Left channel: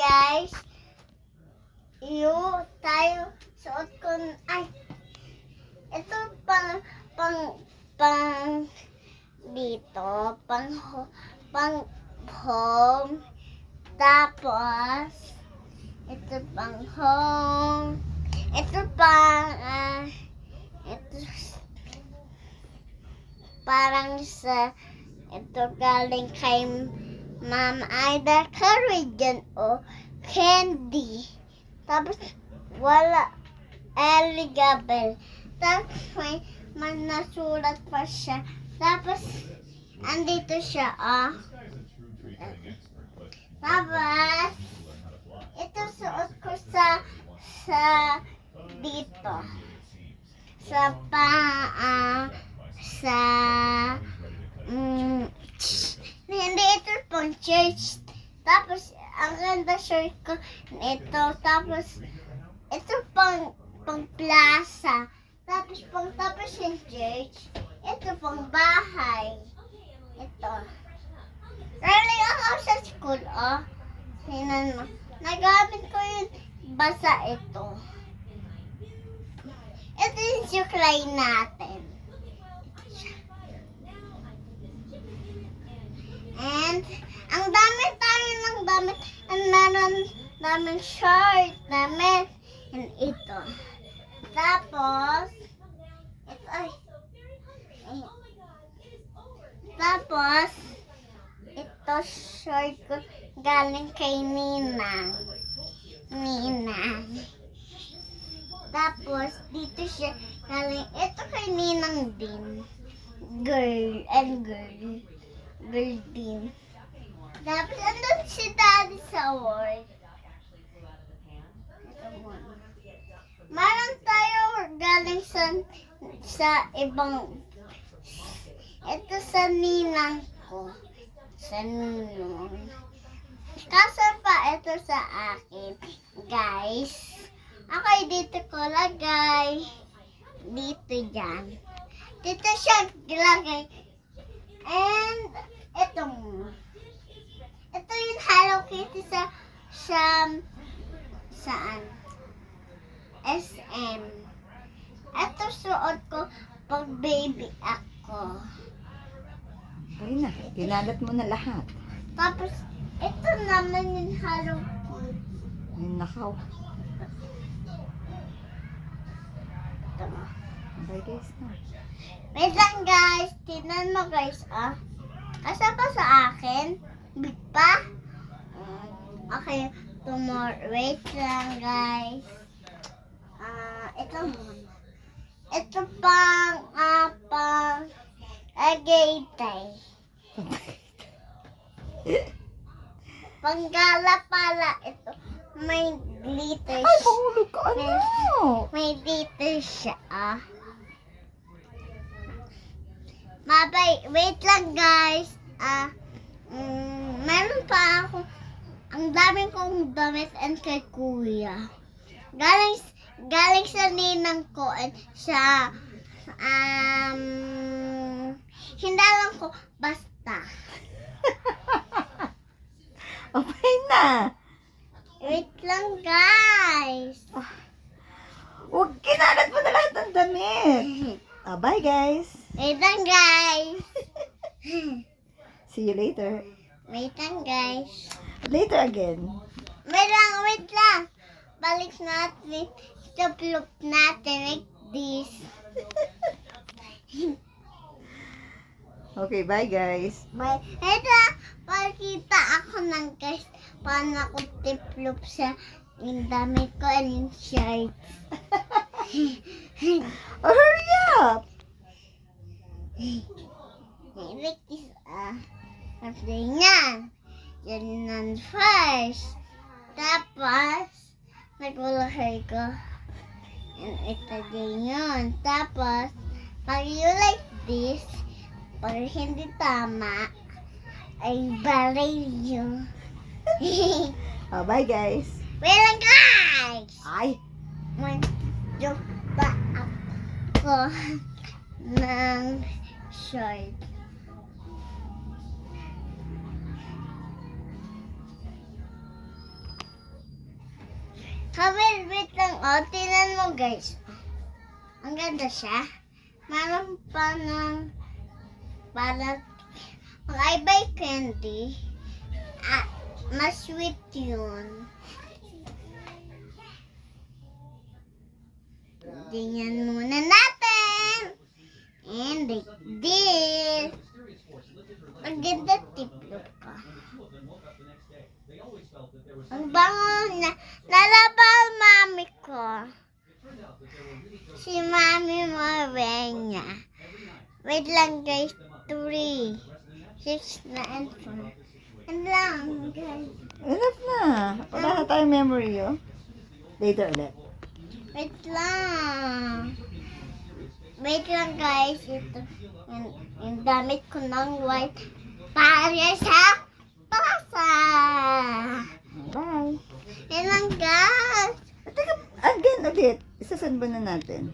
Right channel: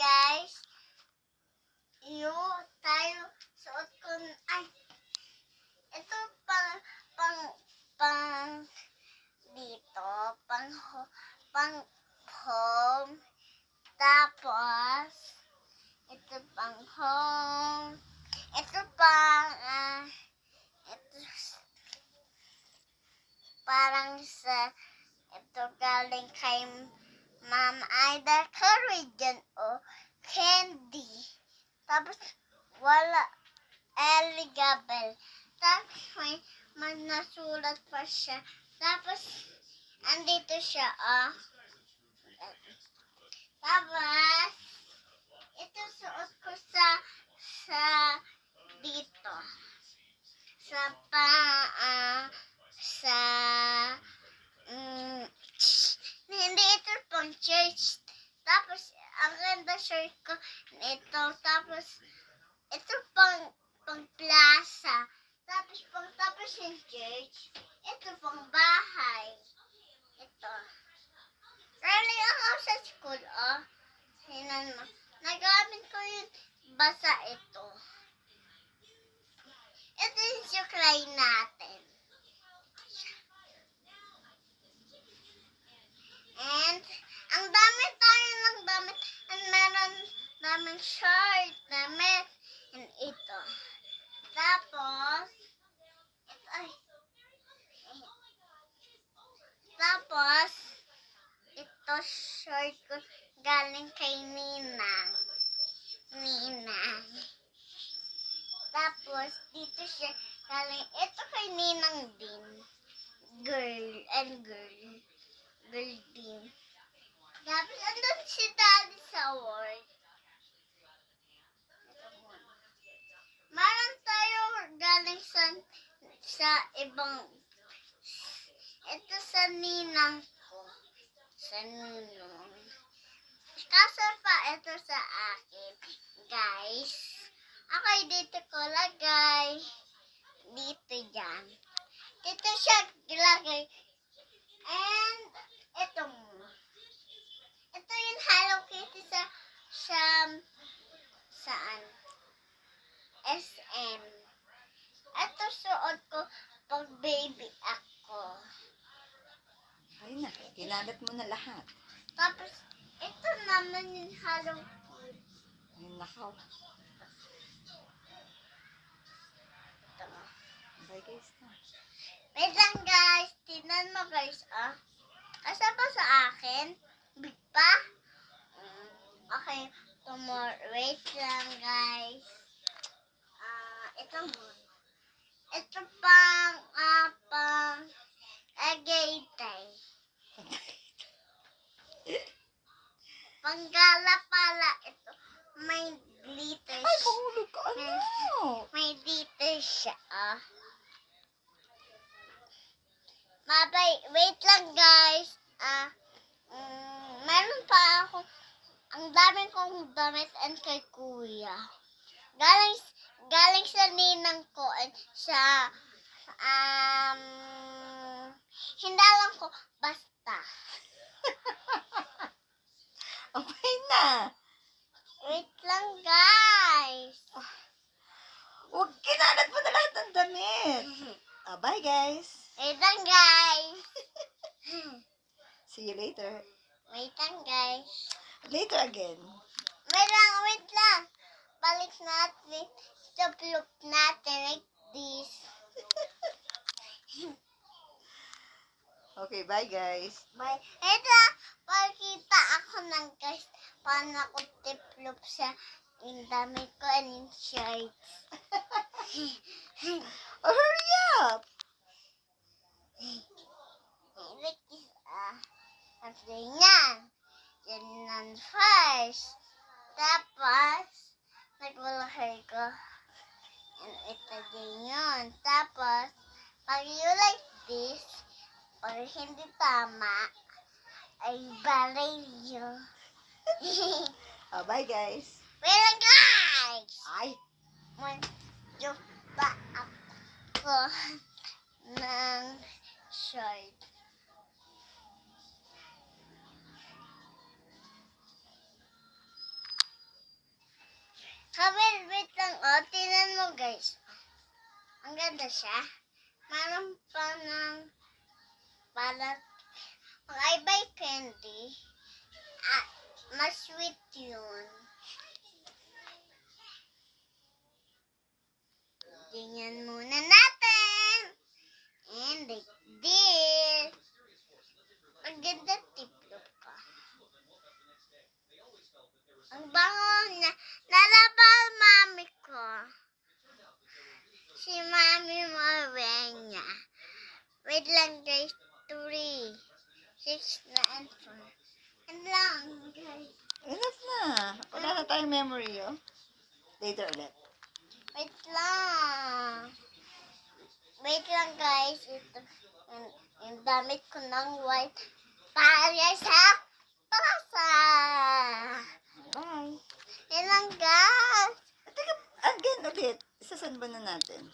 guys. Tayo suot ko. Ay, ito pang dito. Pang home. Tapos, ito pang home. Ito ito parang ito galing kay Ma'am Ida Carrigan o candy. Tapos wala Eligabel. Tapos may nasulat pa siya. Tapos andito siya Tapos ito suot ko sa dito. Sa hindi ito pang church. Tapos ang ganda shirt ko ito. Tapos ito pang plaza. Tapos yung church. Ito pang bahay. Ito. Early ako sa school, Sinan mo. Nagamit ko yung basa ito. Ito yung suklay natin. And, ang dami tayo ng damit. And meron daming short, damit. And ito. Tapos, ito short ko galing kay Ninang. Tapos, dito siya galing. Ito kay Ninang din. Girl din. Tapos, andun si Daddy sa work. Meron tayo galing sa ibang. Ito sa Ninang ko. Sa Ninong. Kaso pa ito sa akin. Guys. Okay, dito ko lagay. Dito yan. Dito siya ilagay. And, ito yung Hello Kitty saan? SM. Ito suot ko pag baby ako. Ay na, kinalat mo na lahat. Tapos, ito naman yung Hello Kitty. Ay, nakaw. Bye guys na. Wait lang guys. Tingnan mo guys, Kasi pa sa akin? Big pa? Okay. Tomorrow. Wait lang guys. Ito muna. Ito pang agaytay. Panggala pala ito. May glitter. Ay, pahulog ka, May glitter siya, Mabay, wait lang guys. Meron pa ako. Ang daming kong damit and kay kuya. Galing sa ninang ko and sa hindalan ko basta. Okay na. Wait lang guys. Huwag kinalat mo na lahat ng damit. Bye guys. Wait lang guys. See you later. Wait lang guys. Later again. Wait lang. Balik natin. Stop-loop natin like this. Okay, bye guys. Bye. Ito, pakita ako ng guys paano ako tip-loop sa yung damit ko and yung shirts. Oh, hurry up! Like this, after yan. Yan ang first. Tapos, nagulahar ko. And ito din yun. Tapos, pag you like this, pag hindi tama, ay balay yun. Bye guys. Wait lang guys! Ay! Mag-joke pa ako ng short. Wait lang. Tingnan mo guys. Ang ganda siya. Meron pa ng para I buy candy. Mas sweet yun. Tingnan muna natin. And like this. Ang ganda tiplop ka. Ang bango na. Nalabal mami ko. Si Mami Morena. Wait lang guys. 3, 6 na and 4. Ano lang guys. Enough na. Wala na tayong memory, oh. Later ulit. Wait lang. Wait lang guys. Ito. Yung damit ko ng white. Para sa pasa. Bye. Yan lang guys. Teka, again ulit. Isasend ba na natin?